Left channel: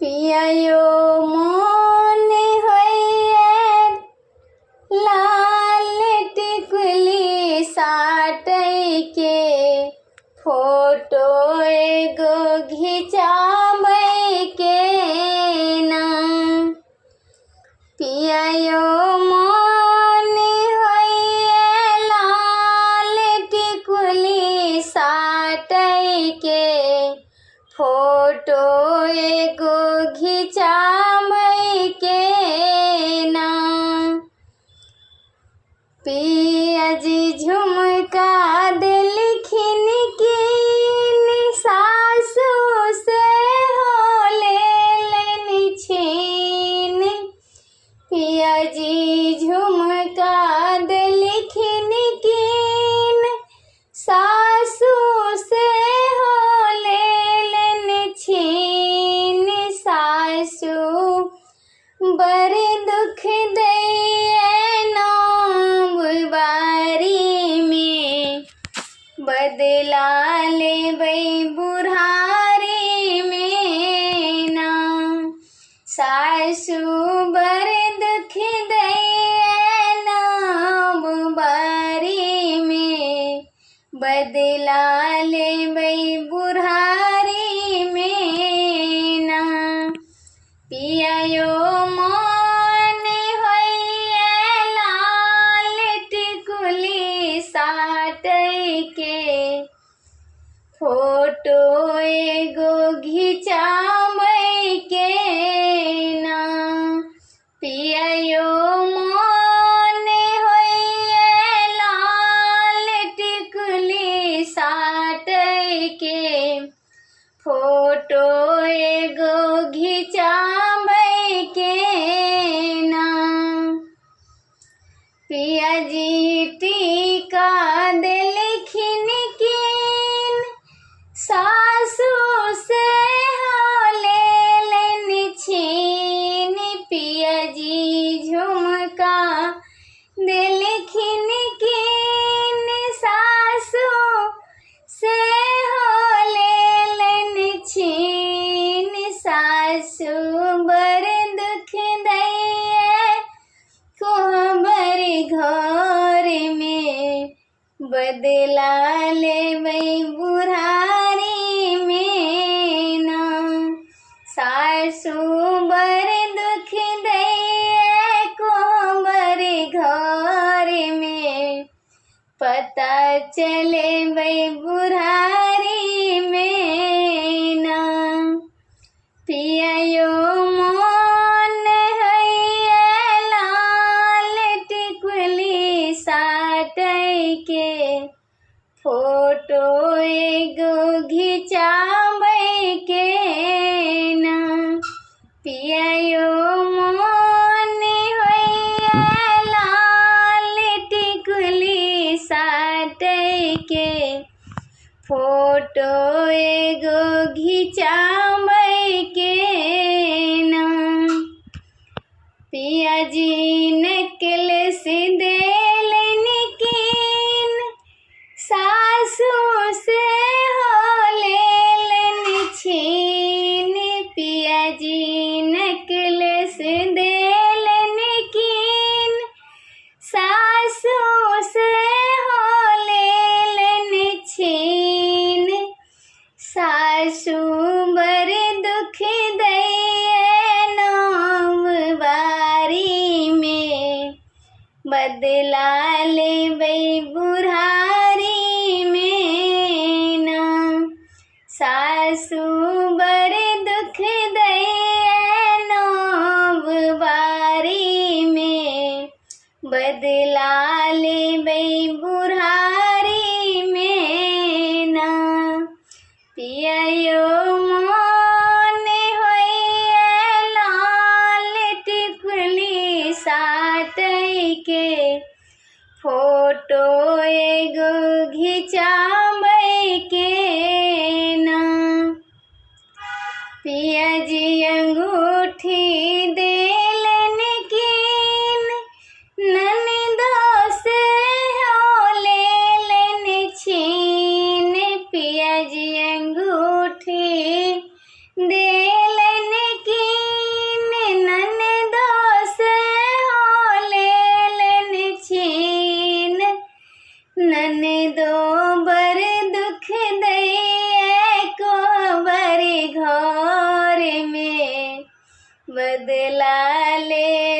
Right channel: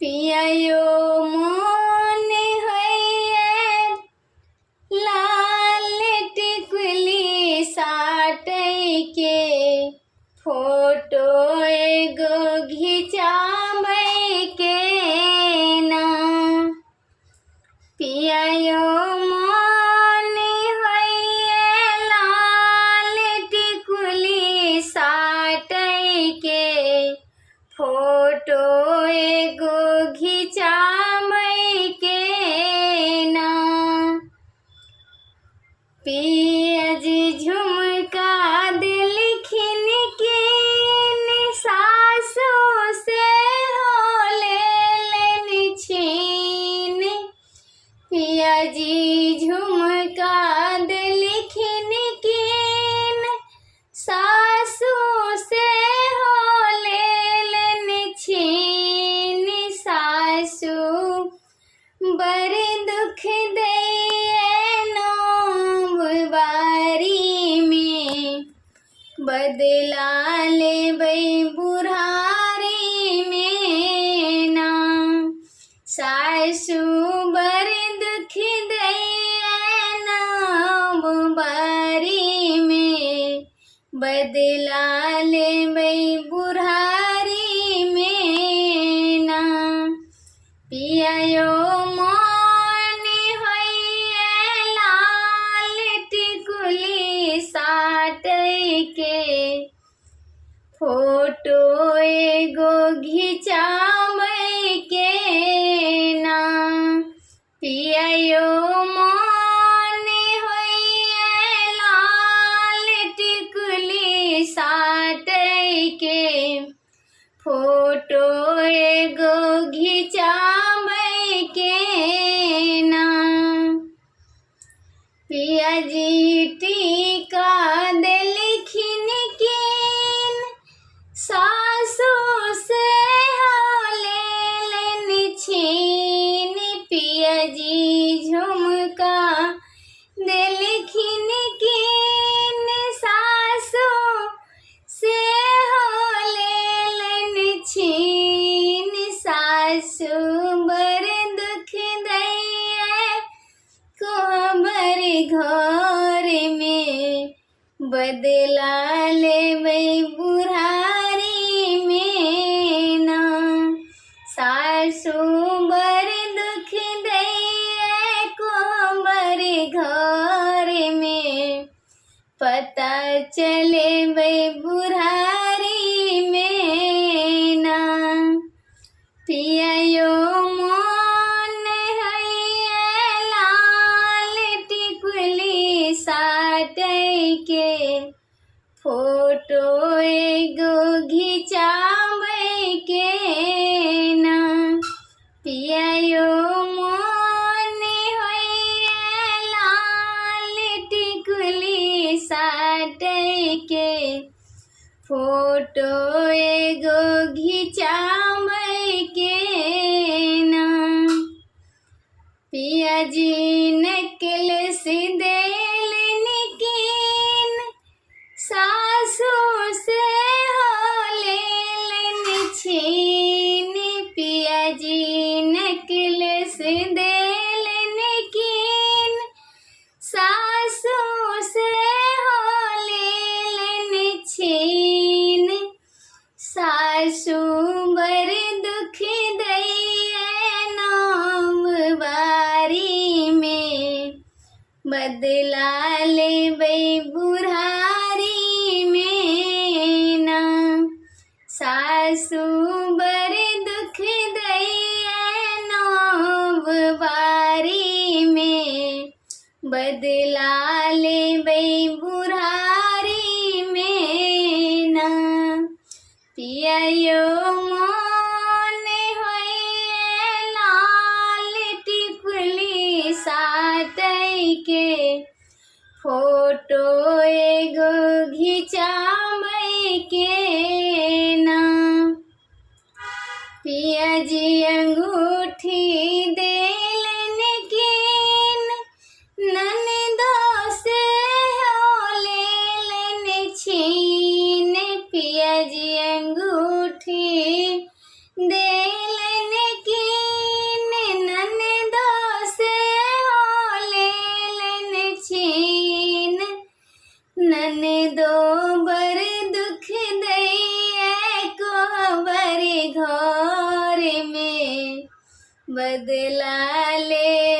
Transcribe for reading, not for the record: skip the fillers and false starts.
पियायो मन होइए लाल टिकुली साटै के फोटो एगो घिचाबै के ना। पियायो मन होइए लाल टिकुली साटै के फोटो एगो घिचाबै के ना। पियाजी झुमका देलखिन कीन सासु से हो लेलनि छीन। पियाजी झुमका देलखिन कीन सासु से हो लेलनि छीन। सासु बड़ दुख दैये नौम बारी में बदला लेबै बुढ़ारी में ना। सासु बड़ दुख दैये नौम बारी में बदला लेबै बुढ़ारी में ना। पियायो मन होइए लाल टिकुली साटै के फोटो एगो घिचाबै के ना। पियायो मन होइए लाल टिकुली साटै के फोटो एगो घिचाबै के ना। पियाजी टीका देलखिन कीन सासु से हो लेलनि छीन। पियाजी झुमका देलखिन कीन सासु से हो लेलनि छीन। सासु बड़ दुख दैये कोहबर घर में बदला लेबै बुढ़ारी में ना। सासु बड़ दुख दैये कोहबर घर में पता चलेबै बुढ़ारी में ना। पियायो मन होइए लाल टिकुली साटै के फोटो एगो घिचाबै के ना। पियायो मन होइए लाल टिकुली साटै के फोटो एगो घिचाबै के ना। पियाजी नेकलेस देलनि कीन सासु से हो लेलनि छीन। पियाजी नेकलेस देलनि कीन सासु से हो लेलनि छीन। सासु बड़ दुख दैये नौम बारी में बदला लेबै बुढ़ारी में ना। सासु बड़ दुख दैये नौम बारी में बदला लेबै बुढ़ारी में ना। पियायो मन होइए लाल टिकुली साटै के फोटो एगो घिचाबै के ना। पियाजी अंगूठी देलनि कीन ननदो से हो लेलनि छीन। पियाजी अंगूठी देलनि कीन बदला ले